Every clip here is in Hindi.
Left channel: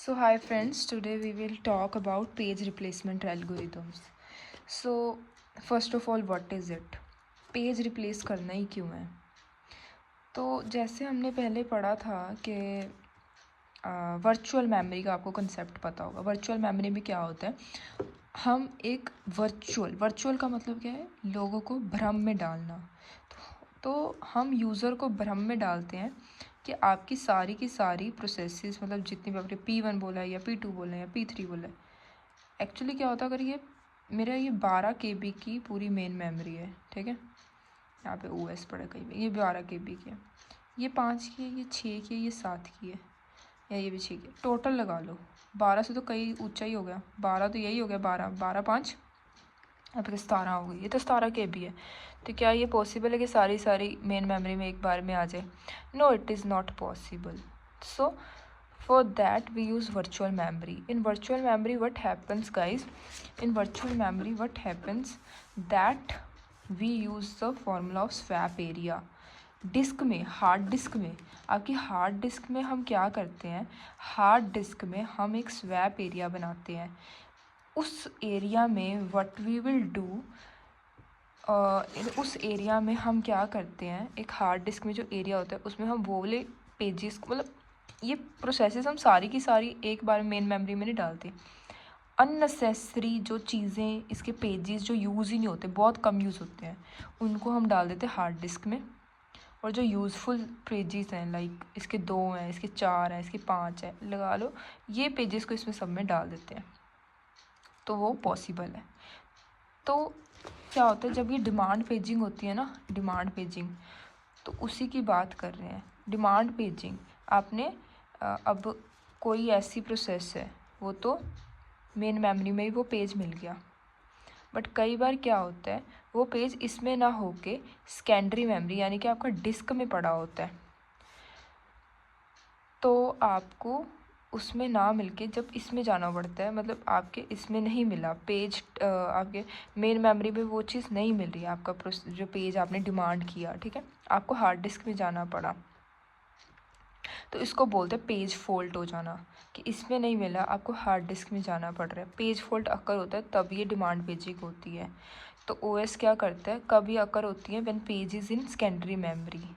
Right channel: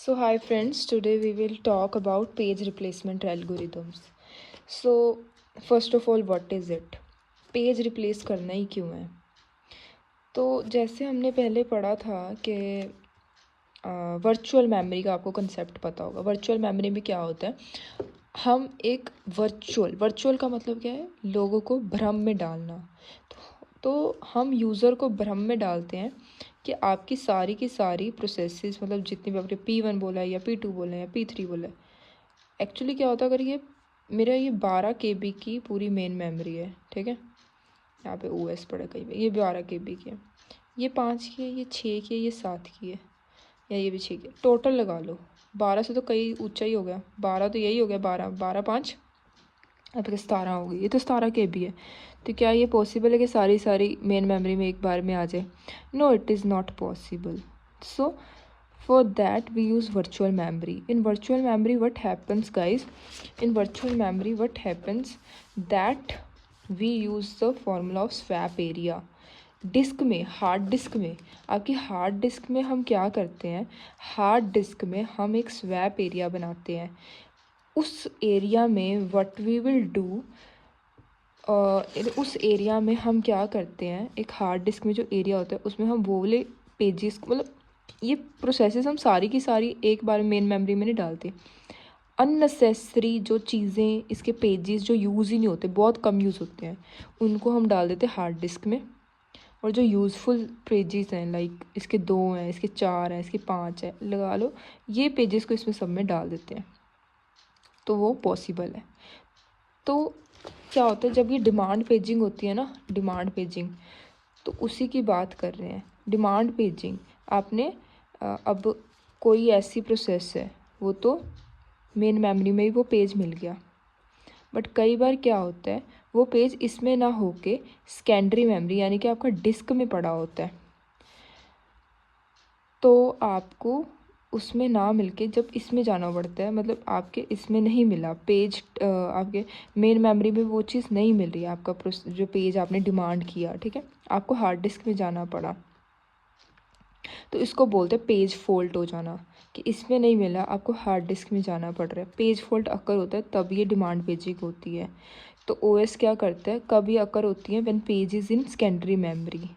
So hi friends, today we will talk about page replacement algorithms. So first of all, what is it? Page replace करना ही क्यों है? तो जैसे हमने पहले पढ़ा था कि वर्चुअल मेमोरी का आपको कंसेप्ट पता होगा। वर्चुअल मेमोरी में क्या होता है, हम एक वर्चुअल का मतलब क्या है, लोगों को भ्रम में डालना। तो हम यूज़र को भ्रम में डालते हैं कि आपकी सारी की सारी प्रोसेसेस, मतलब जितनी भी आपने P1 बोला है या P2 बोला है या P3 बोला है, एक्चुअली क्या होता है, अगर ये मेरा ये 12 KB की पूरी मेन मेमोरी है, ठीक है, यहाँ पे OS पड़ा कहीं पे, ये 12 KB की है, ये 5 की है, ये 6 की है, ये 7 की है, या ये भी 6 की है, टोटल लगा लो 12 से तो कई ऊंचा ही हो गया, 12 तो यही हो गया, 12 5 अब तो 17 हो गई, ये तो 17 KB है। तो क्या ये पॉसिबल है कि सारी सारी मेन मेमोरी में एक बार में आ जाए? No, it is not possible. So for that we use virtual memory. In virtual memory what happens guys, in virtual memory what happens that we use the formula of swap area. Disk में, हार्ड डिस्क में, आपकी हार्ड डिस्क में हम क्या करते हैं, हार्ड डिस्क में हम एक स्वैप एरिया बनाते हैं। उस एरिया में व्हाट वी विल डू, उस एरिया में हम क्या करते हैं, एक हार्ड डिस्क में जो एरिया होता है उसमें हम वो वाले पेजेस, मतलब ये प्रोसेसेस हम सारी की सारी एक बार मेन मेमोरी में नहीं डालते। अननेसेसरी जो चीज़ें, इसके पेजेस जो यूज़ ही नहीं होते, बहुत कम यूज़ होते हैं, उनको हम डाल देते हैं हार्ड डिस्क में। और जो यूज़फुल पेजेस हैं, लाइक इसके 2 हैं, इसके 4 हैं, इसके 5 है, लगा लो, ये पेजेस को इसमें सब में डाल देते हैं, तो वो पॉसिबल है। तो क्या होता है, जब ये डिमांड पेजिंग होती है ना, डिमांड पेजिंग, तो उसी की बात कर रहे हैं। डिमांड पेजिंग आपने अब कोई ऐसी प्रोसेस है, वो तो मेन मेमोरी में ही वो पेज मिल गया, बट कई बार क्या होता है, वो पेज इसमें ना होके सेकेंडरी मेमोरी यानी कि आपका डिस्क में पड़ा होता है, तो आपको उसमें ना मिलके जब इसमें जाना पड़ता है, मतलब आपके इसमें नहीं मिला पेज, आपके मेन मेमोरी में वो चीज़ नहीं मिल रही है, आपका जो पेज आपने डिमांड किया, ठीक है, आपको हार्ड डिस्क में जाना पड़ा, तो इसको बोलते हैं पेज फॉल्ट हो जाना, कि इसमें नहीं मिला, आपको हार्ड डिस्क में जाना पड़ रहा है। पेज फॉल्ट अकर होता है तब ये डिमांड पेजिंग होती है। तो OS क्या करता है, कभी अकर होती है when page is in secondary memory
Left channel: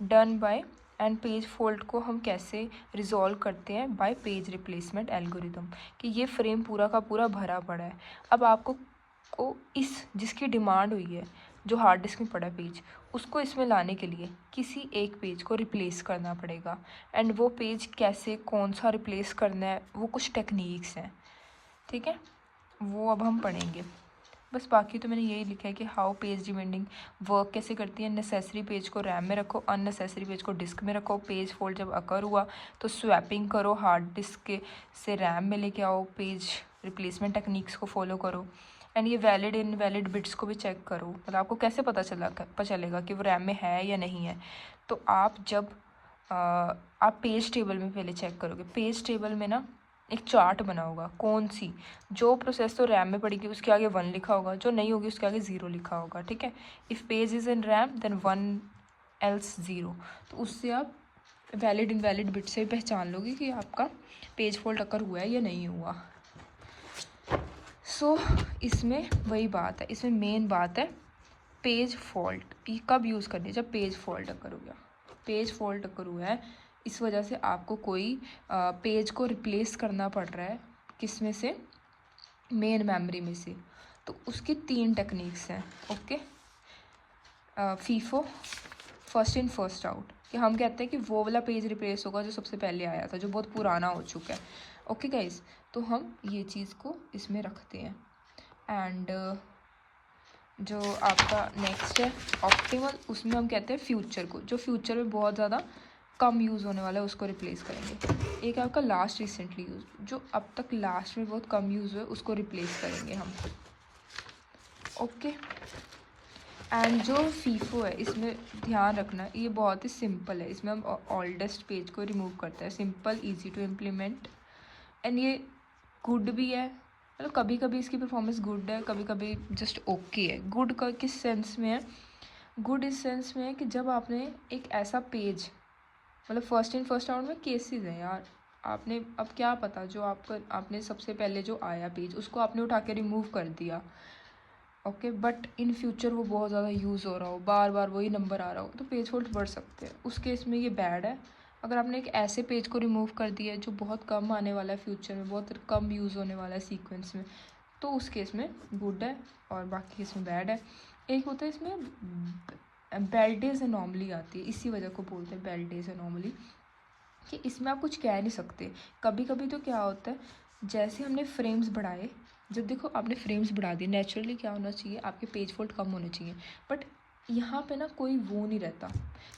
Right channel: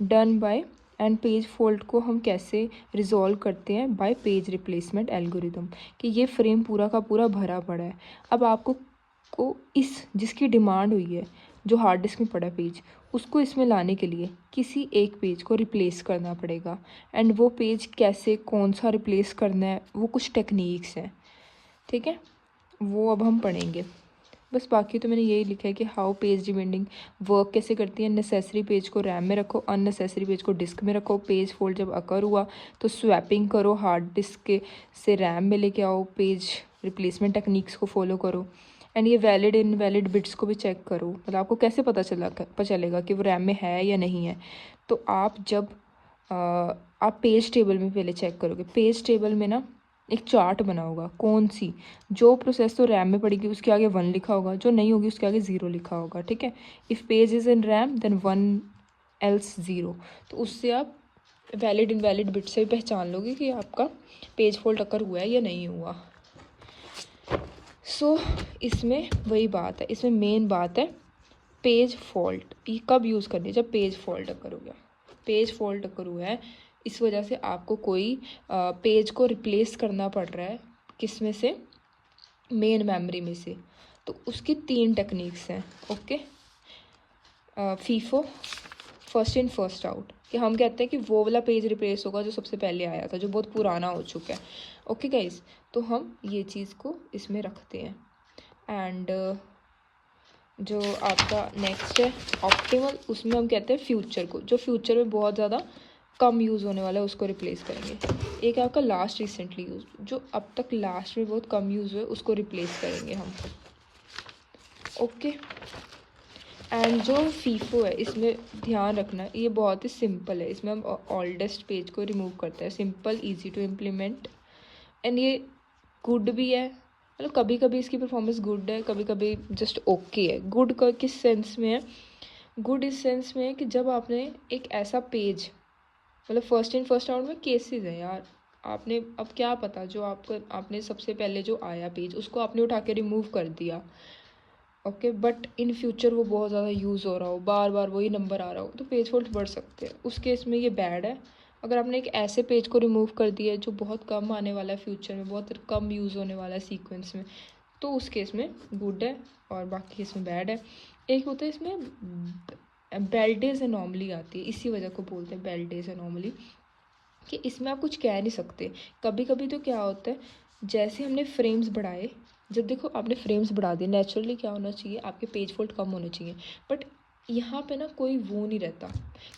done by, and page fault को हम कैसे रिजॉल्व करते हैं, बाय पेज रिप्लेसमेंट एल्गोरिदम, कि ये फ्रेम पूरा का पूरा भरा पड़ा है, अब आपको इस जिसकी डिमांड हुई है, जो हार्ड डिस्क में पड़ा पेज, उसको इसमें लाने के लिए किसी एक पेज को रिप्लेस करना पड़ेगा। एंड वो पेज कैसे, कौन सा रिप्लेस करना है, वो कुछ टेक्निक्स हैं, ठीक है, वो अब हम पढ़ेंगे। बस बाकी तो मैंने यही लिखा है कि हाउ पेज डिपेंडिंग वर्क कैसे करती है। नेसेसरी पेज को रैम में रखो, अननेसेसरी पेज को डिस्क में रखो। पेज फोल्ड जब अकर हुआ तो स्वैपिंग करो, हार्ड डिस्क के से रैम में लेके आओ, पेज रिप्लेसमेंट टेक्निक्स को फॉलो करो। एंड ये वैलिड इनवैलिड बिट्स को भी चेक करो, मतलब आपको कैसे पता चलेगा कि वो रैम में है या नहीं है। तो आप जब आप पेज टेबल में पहले चेक करोगे, पेज टेबल में ना एक चार्ट बना होगा, कौन सी जो प्रोसेस तो रैम में पड़ेगी उसके आगे 1 लिखा होगा, जो नहीं होगी उसके आगे 0 लिखा होगा, ठीक है। If page is in RAM then 1 else 0। तो उससे आप वैलिड इनवैलिड बिट से पहचान लोगे कि आपका पेज फॉल्ट अकर हुआ है या नहीं हुआ। सो इसमें वही बात है, इसमें मेन बात है पेज फॉल्ट। ये कब यूज़ करनी है, जब पेज फॉल्ट अकर हो गया, पेज फॉल्ट अकर हुआ है, इस वजह से आपको कोई पेज को रिप्लेस करना पड़ रहा है, किस में से, मेन मेमोरी में से। तो उसकी 3 टेक्निक्स हैं, okay. FIFO, first in first out, कि हम कहते हैं कि वो वाला पेज रिप्लेस होगा जो सबसे पहले आया था, जो बहुत पुराना हो चुका है, ओके गाइस। तो हम ये चीज़ को इसमें रखते हैं। एंड जो आपका नेक्स्ट है ऑप्टिमल, उसमें हम कहते हैं फ्यूचर को, जो फ्यूचर में बहुत ज़्यादा कम यूज़ होने वाला है उसको रिप्लेस करेंगे। एक आपका लास्ट रिसेंटली यूज, जो अब तक लास्ट में बहुत कम यूज़ हुआ है उसको रिप्लेस करेंगे हम, ओके। एंड जो फीफो है, इसमें ध्यान रखना ये बहुत ही सिंपल है, इसमें हम ओल्डेस्ट पेज को रिमूव करते हैं, simple easy to implement. And ये गुड भी है, मतलब कभी कभी इसकी परफॉर्मेंस गुड है, कभी कभी जस्ट ओके है। गुड का किस सेंस में है, गुड इस सेंस में है कि जब आपने एक ऐसा पेज, मतलब फर्स्ट इन फर्स्ट आउट में केसेस है यार, आपने अब क्या पता जो आपने सबसे पहले जो आया पेज उसको आपने उठा के रिमूव कर दिया, ओके, बट इन फ्यूचर वो बहुत ज़्यादा यूज़ हो रहा हो, बार बार वही नंबर आ रहा हो, तो पेज फॉल्ट बढ़ सकते हैं। उस केस में ये बैड है। अगर आपने एक ऐसे पेज को रिमूव कर दिया है जो बहुत कम आने वाला है फ्यूचर में, बहुत कम यूज़ होने वाला है सीक्वेंस में, तो उस केस में गुड है और बाकी केस में बैड है। एक होता है इसमें बेल्डेज एनॉमली आती है, इसी वजह को बोलते हैं बेल्डेज एनॉमली, कि इसमें आप कुछ कह नहीं सकते। कभी कभी तो क्या होता है, जैसे हमने फ्रेम्स बढ़ाए, जब देखो आपने फ्रेम्स बढ़ा दिए, नेचुरली क्या होना चाहिए, आपके पेज फॉल्ट कम होने चाहिए, बट यहाँ पे ना कोई वो नहीं रहता,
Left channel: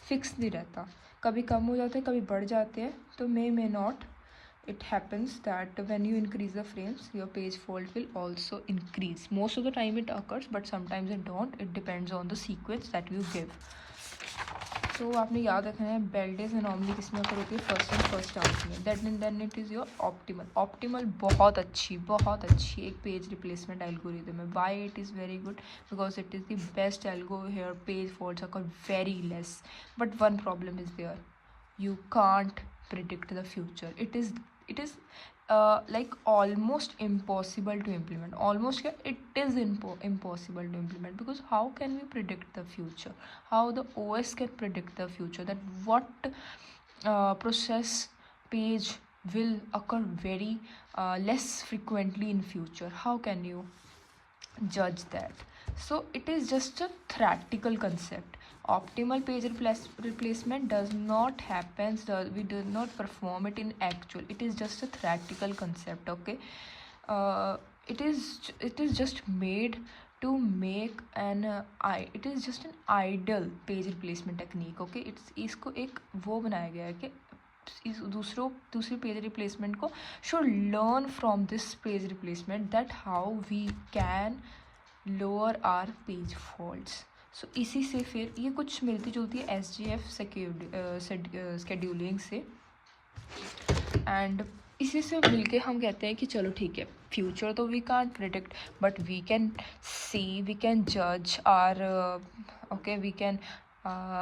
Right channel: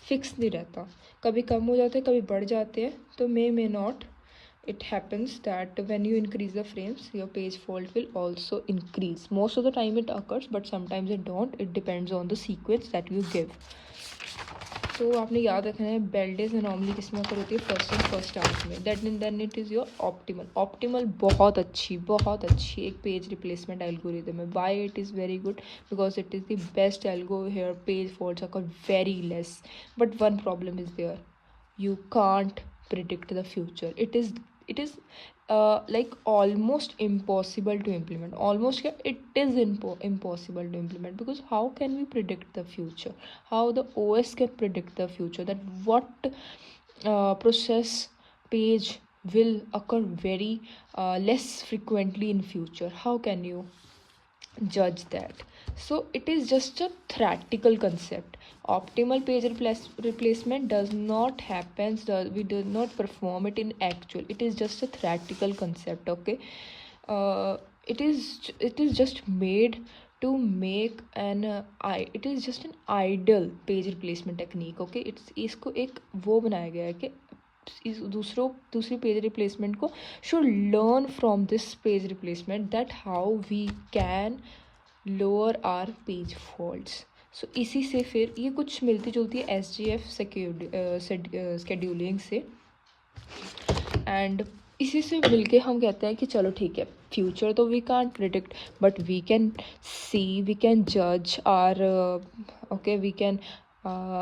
फिक्स नहीं रहता, कभी कम हो जाते हैं, कभी बढ़ जाते हैं, तो may not, it happens that when you increase the frames your page fault will also increase. Most of the time it occurs, but sometimes it don't, it depends on the sequence that you give. तो आपने याद रखना है बेल्डेज एनॉमली किस में होती है, फर्स्ट एंड फर्स्ट आउट में, that mean then it is your optimal. Optimal बहुत अच्छी एक पेज रिप्लेसमेंट एल्गोरिदम है। Why it is very good, because it is the best algo here, page faults are very less, but one problem is there, you can't predict the future. It is like almost impossible to implement. Almost it is impossible to implement, because how can we predict the future? How the OS can predict the future, that what process page will occur very less frequently in future? How can you judge that? So it is just a theoretical concept. Optimal page replacement does not happen, we do not perform it in actual, it is just a theoretical concept, okay. It is just made to make an it is just an ideal page replacement technique, okay. इसको एक वो बनाया गया है कि इस दूसरी पेज रिप्लेसमेंट को should learn from this page replacement, that how we can lower our page faults. सो इसी से फिर ये कुछ मिलती जुलती है SGF शेड्यूलिंग से, एंड इसी से मिलके हम कहते हैं कि चलो ठीक है, फ्यूचर तो we can't predict, but we can see, we can जज आर, ओके, वी कैन,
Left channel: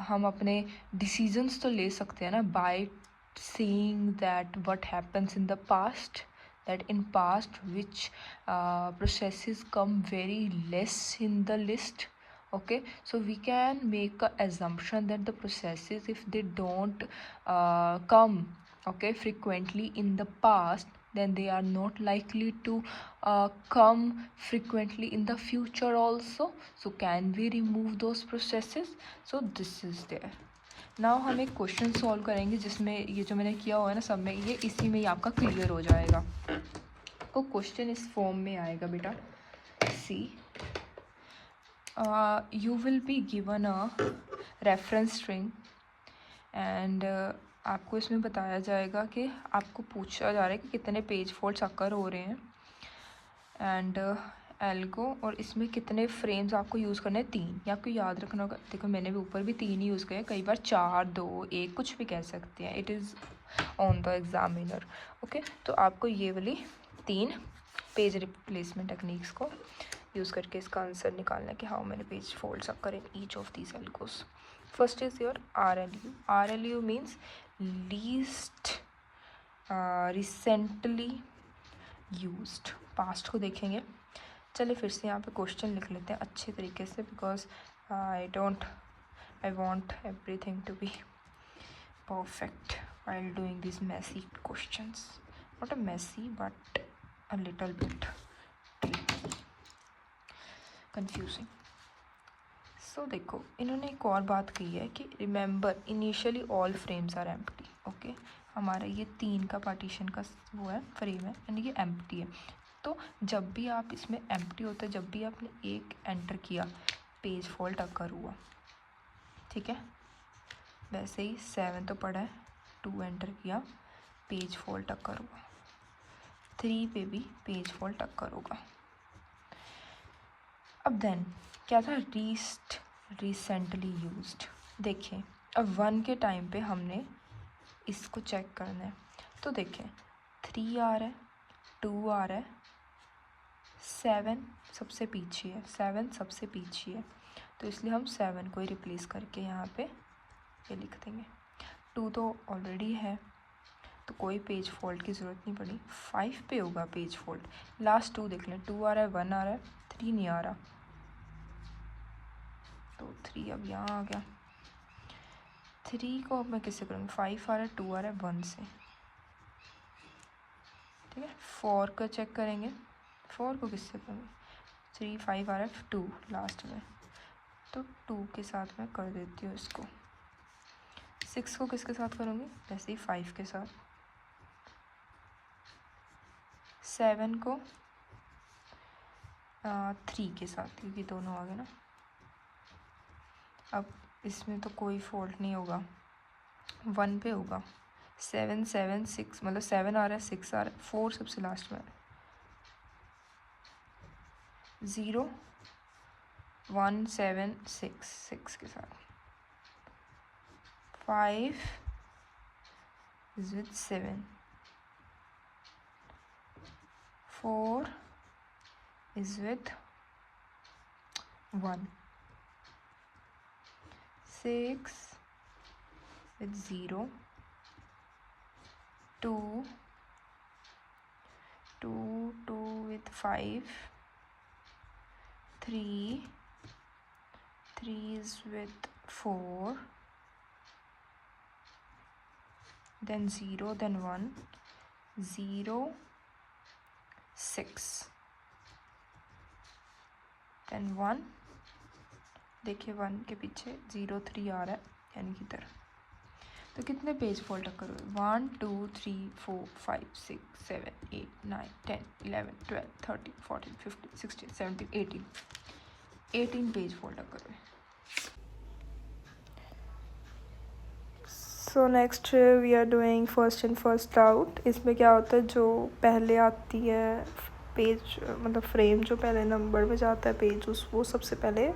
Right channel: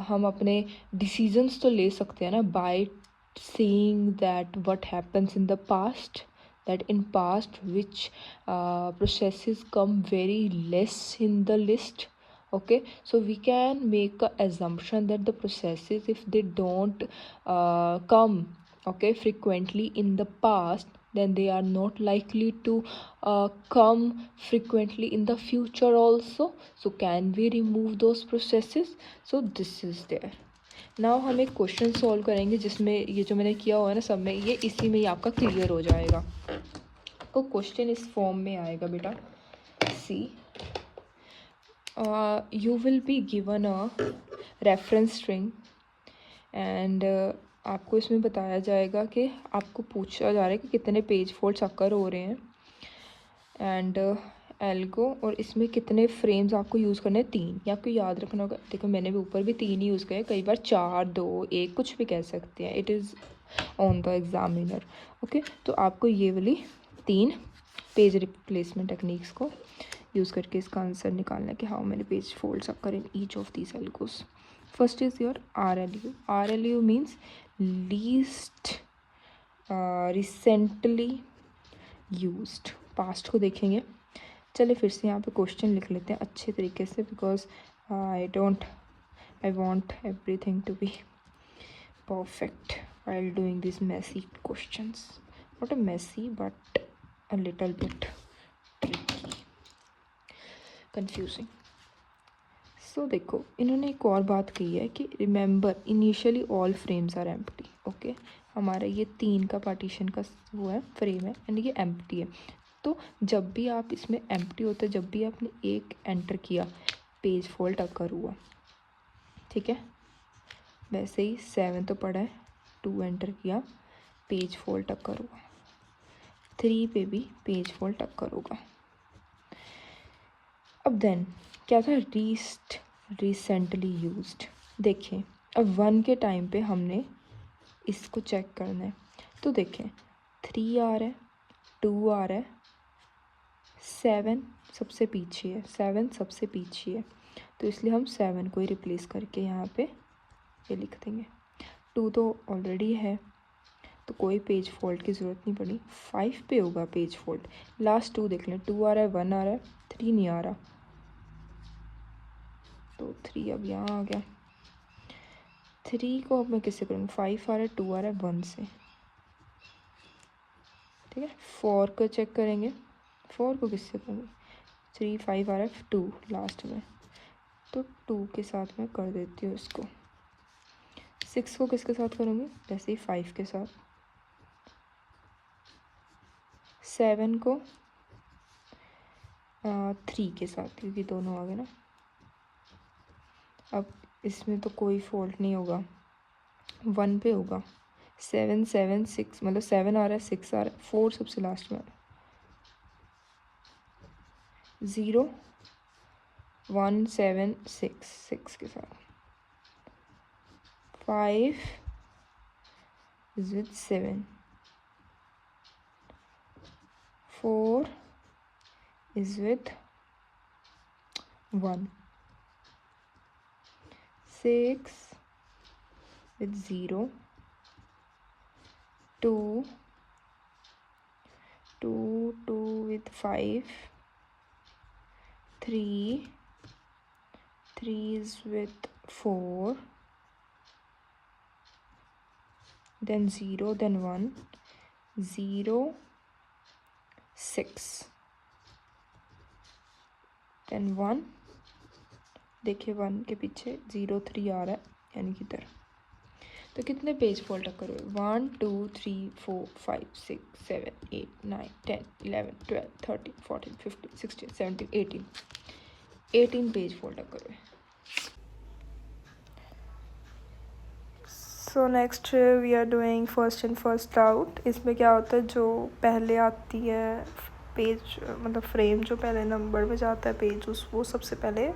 हम अपने डिसीजंस तो ले सकते हैं ना, by seeing that what happens in the past, that in past which processes come very less in the list, okay. So we can make a assumption that the processes, if they don't come, okay, frequently in the past, then they are not likely to come frequently in the future also. So can we remove those processes? So this is there. Now हम एक क्वेश्चन सॉल्व करेंगे जिसमें ये जो मैंने किया हुआ है ना सब में, ये इसी में ही आपका क्लियर हो जाएगा। तो क्वेश्चन इस फॉर्म में आएगा बेटा, see you will be given a reference string, and आपको इसमें बताया जाएगा कि आपको पूछा जा रहा है कि कितने पेज फॉल्ट्स अकर हो रहे हैं, एंड एल्गो, और इसमें कितने फ्रेम्स आपको यूज़ करने हैं, 3। ये आपको याद रखना होगा। देखो मैंने भी ऊपर भी 3 ही यूज़ किया, कई बार 4, 2, 1 कुछ भी कह सकते हैं, it is on the examiner, okay. तो आपको ये वाली 3 पेज रिप्लेसमेंट टेक्निक्स को यूज़ करके इसका आंसर निकालना है कि हाउ मेनी पेज फोल्ड्स आकर in each of these algos. First is your RLU। RLU means least recently used. Past को देखेंगे। चलिए फिर से यहाँ पे क्वेश्चन लिख लेते हैं अच्छे तरीके से, because I want everything to be perfect while doing these messy questions. Not a messy, but a little bit tricky, confusing. So देखो इन्होंने एक और बात की है कि remember initially all frames are empty, okay. हमारा ये 3 का पार्टीशन का वो है, फ्रेम है, यानी कि एम्प्टी है। तो जब भी आप इसमें एम्प्टी होता है, जब भी आपने 1 एंटर किया, पेज फॉल्ट अकर हुआ, ठीक है। वैसे ही 7 तो पड़ा है, 2 एंटर किया, पेज फॉल्ट अकर हुआ, 3 पे भी पेज फॉल्ट अकर होगा। अब देन क्या था, रिसेंटली यूज्ड। देखें अब 1 के टाइम पे हमने इसको चेक करना है, तो देखें 3 आ रहा है, 2 आ रहा है, 7 सबसे पीछे है, 7 सबसे पीछे है, तो इसलिए हम 7 को ही रिप्लेस करके यहाँ पे ये लिख देंगे। 2 तो ऑलरेडी है, तो कोई पेज फॉल्ट की ज़रूरत नहीं पड़ी। 5 पे होगा पेज फॉल्ट। लास्ट 2 देख लें, 2 आ रहा है, 1 आ रहा है, 3 नहीं आ रहा, तो 3 अब यहाँ आ गया। 3 को अब मैं किससे करूँ, 5 आ रहा है, 2 आ रहा है, 1 से, ठीक है। 4 को चेक करेंगे, 4 को किससे करूँ, 3 5 आ रहा है, 2 लास्ट में, तो 2 के साथ मैं कर देती हूँ इसको। 6 को किसके साथ करूँगी, वैसे ही 5 के साथ। 7 को 3 के साथ, क्योंकि दोनों आ गए ना। अब इसमें तो कोई फॉल्ट नहीं होगा, 1 पे होगा। 7 7 6, मतलब 7 आ रहा है, 6 आ रहा है, 4 सबसे लास्ट में। 0 1 7 6, 6 के साथ। 5 is with 7, 4 is with 1, 6 with 0, 2 with 5, 3 is with 4, then 0, then 1, 0 6, then 1, देखिए 1 के पीछे 0 3 आ रहा है, यानी की तरह। तो कितने पेज फॉल्ट अकर हुए, 1 2 3 4 5 6 7 8 9 10 11 12 13 14 15 16 17 18 पेज फॉल्ट अकर हुए। So next we are doing first in first out. इसमें क्या होता है, जो पहले आती है पेज, मतलब फ्रेम जो पहले नंबर में जाता है पेज, उस वो सबसे पहले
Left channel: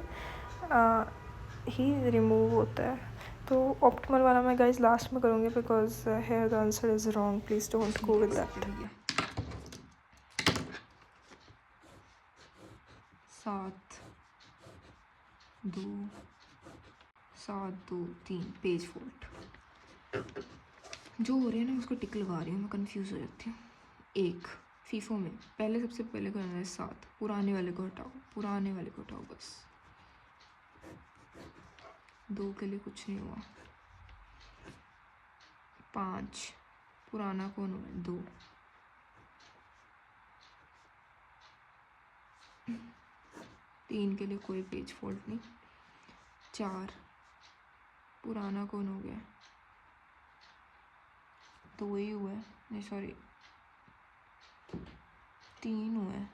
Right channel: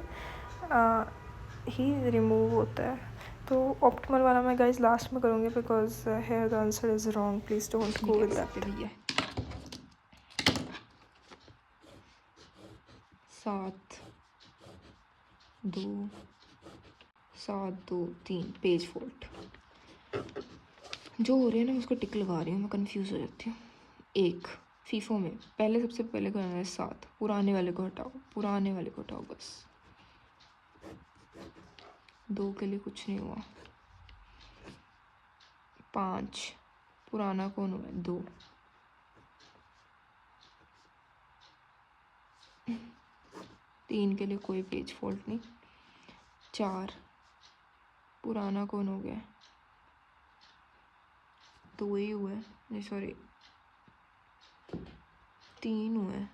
ही रिमूव होता है। तो ऑप्टिमल वाला मैं गाइस लास्ट में करूँगी, because here the answer is wrong, please don't go with that. 7 2 7 2 3 page fault. जो हो रहे हैं ना उसको टिक लगा रही हूँ, मैं कंफ्यूज हो जाती हूँ। 1 फीफो में पहले सबसे पहले करना है 7, पुराने वाले को हटाओ, पुराने वाले को हटाओ बस। 2 के लिए कुछ नहीं हुआ। 5 पुराना कौन हुआ है, 2। 3 के लिए कोई पेज फॉल्ट नहीं। 4 पुराना कौन हो गया, 2 ही हुआ है, नहीं सॉरी 3 हुआ है।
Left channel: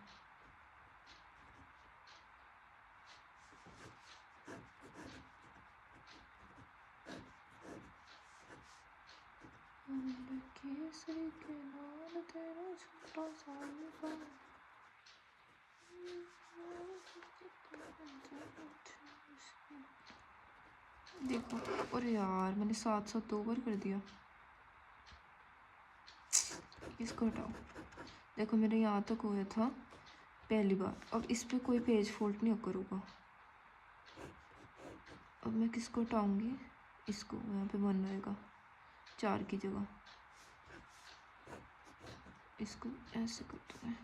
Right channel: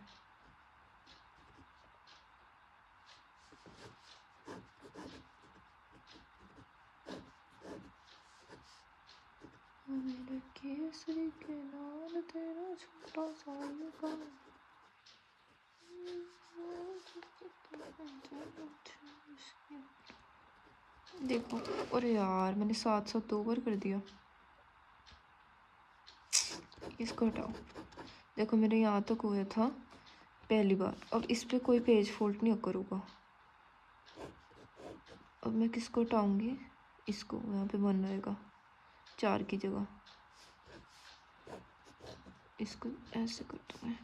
मेरे केसरी के लाल तेरा छोटा सा लगा। देखो, अरे यार मैंने 7 7 2 बार कर दिया, इसको हटाओ। देखो मेरे यहाँ तक हुआ था पहली बार, अब इस पे कोई पेज फॉल्ट नहीं occur होगा। अब मैं किसको हटाऊंगी, इसको, यहाँ पे बन रहेगा 4 की जगह, इसको ऐसे कर दूँ मैं।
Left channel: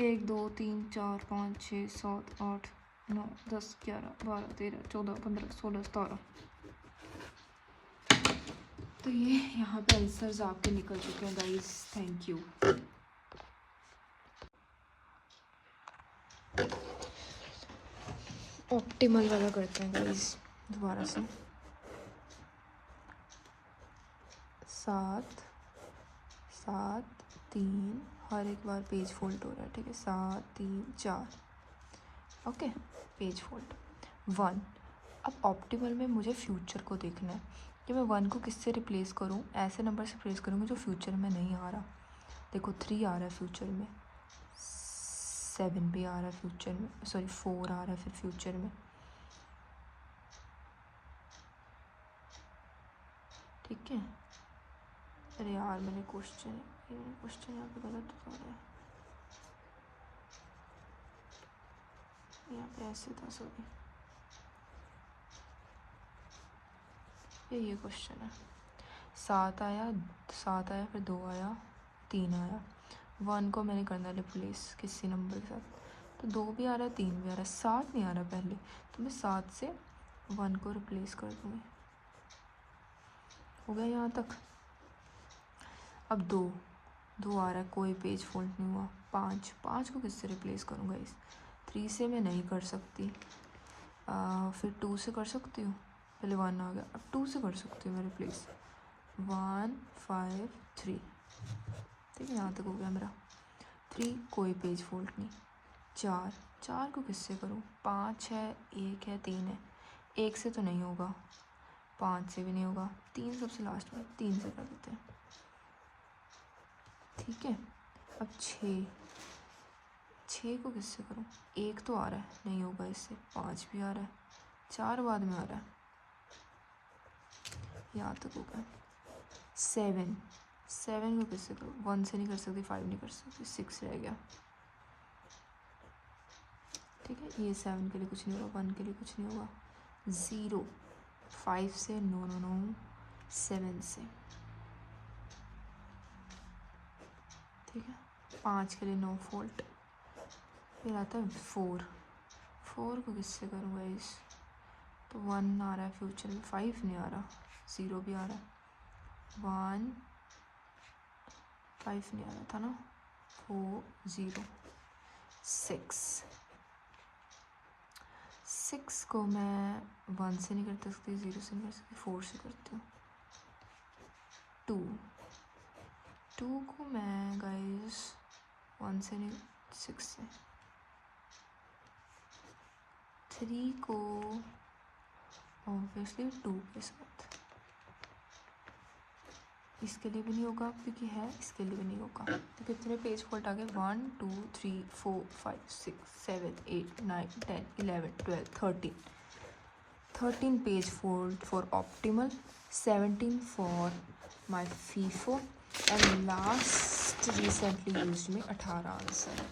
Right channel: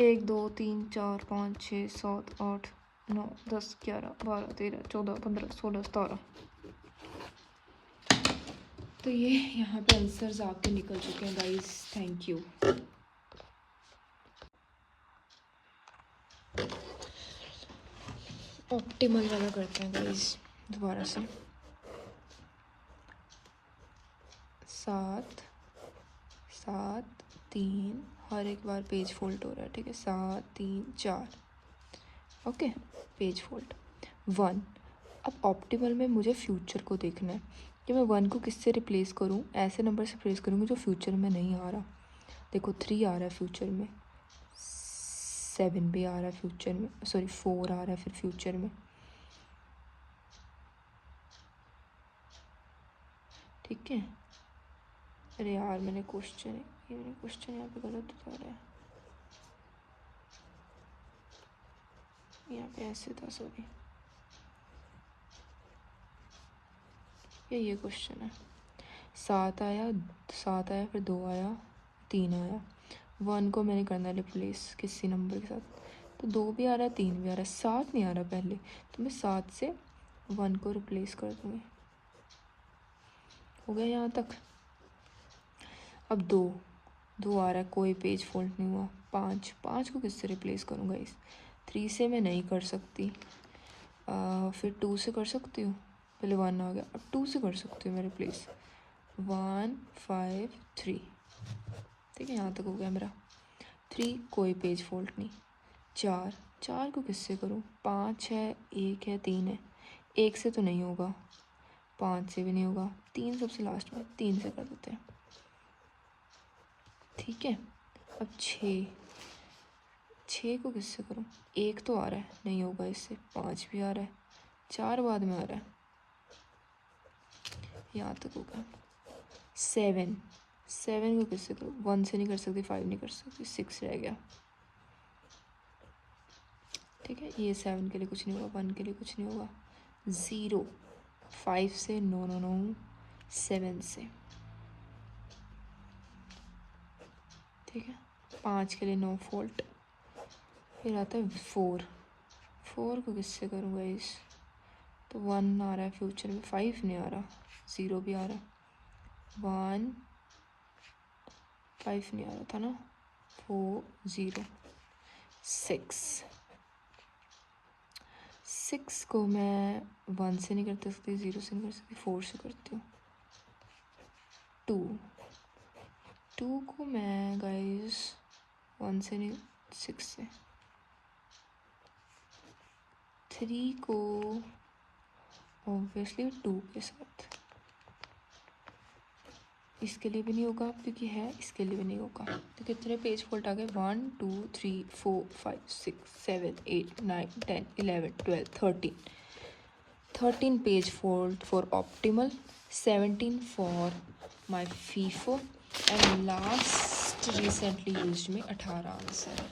एक 2 3 4 5 6 7 8 9 10 11 12 13 14 15 16 17। तो ये यहाँ पे आंसर्स आपके निकल चुके हैं गाइस, थैंक यू। ऑप्टिमल वाला करते हैं गाइस दोबारा से। 7 7 3, हर एक बार पेज फोल्ड हो रहा है, ठीक है। 7 3 4, ओके। Page fold 1। अब ऑप्टिमल में मुझे फ्यूचर को देखना है कि मैं 1 को किससे रिप्लेस करूँ, ऐसे नंबर से रिप्लेस करूँगी जो फ्यूचर में नहीं आ रहा। देखो 3 आ रहा है फ्यूचर में, 7 भी आ रहा है फ्यूचर में, सॉरी 4 आ रहा है फिर फ्यूचर में, ठीक है। अरे यार मैंने क्वेश्चन यहाँ पे गलत बता रहा है, यहाँ पे ऐसे था, सॉरी, ये क्वेश्चन है। 7 आया फिर 2 आया 3 आया, 1 को मैंने करना रिप्लेस किसी नंबर के साथ, तो 2 भी आ रहा है 3 भी आ रहा है, 7 नहीं आ रहा पहले, तो मैं 7 से 1 को रिप्लेस कर दूँगी। हो गया यहाँ तक। अब 2 आ रहा है, कोई पेज फोल्ड नहीं हुआ। 5 को किससे रिप्लेस करूँगा, इस 3 से मैं नहीं कर सकती, फिर 2 से कर सकती हूँ, पहले 1 आ गया, अब 2 से कर सकती हूँ मैं रिप्लेस, 1 5 3, ठीक है, यहाँ तक हो गया मेरा। 3 कोई पेज फोल्ड नहीं। 4 को किससे करूँ, 5 है 1 है 3 है, 1 से तो नहीं होगा, 5 से भी नहीं होगा, 3 सबसे लास्ट में, 3 से कर देते हैं, ठीक है। अब 6 को किससे करूँ, 1 तो आ रहा है, नहीं होगा इससे, 5 भी आ रहा है, 4 बाद में आ रहा है, यहाँ तक होगा। 7 को किससे करूँ, 1 से नहीं कर सकती, 5 नहीं कर सकती, 6 रह गया, ठीक है। ये 7 के लिए कुछ नहीं होगा, 1 के लिए कुछ नहीं होगा। 0 5 से, नो 7 से, ठीक है। 5 के लिए नो फोल्ट। फिर आता है 4 को किससे करूँगा इस, तो 1 आ रहा है फ्यूचर में, 5 नहीं आ रहा, 0 भी आ रहा है, 1 5 नहीं आ रहा था ना, 4 0 6 को मैं 1 से नहीं कर सकती, 0 से नहीं कर सकती, 4 से करती हूँ। 2 को मैं गाइस 1 से नहीं, 6 से। 3 को ऑब्वियसली 2 के साथ, इसके लिए भी नहीं होगा क्योंकि है, इसके लिए भी नहीं होगा। तो कितने पेज फोल्ड आ गए, 1 2 3 4 5 6 7 8 9 10 11 12 13 page fold for optimal, 17 for my FIFO, and last recently used में 18 आंसर,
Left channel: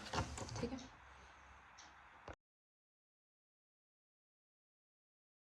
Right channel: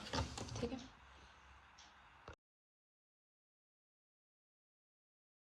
ठीक है।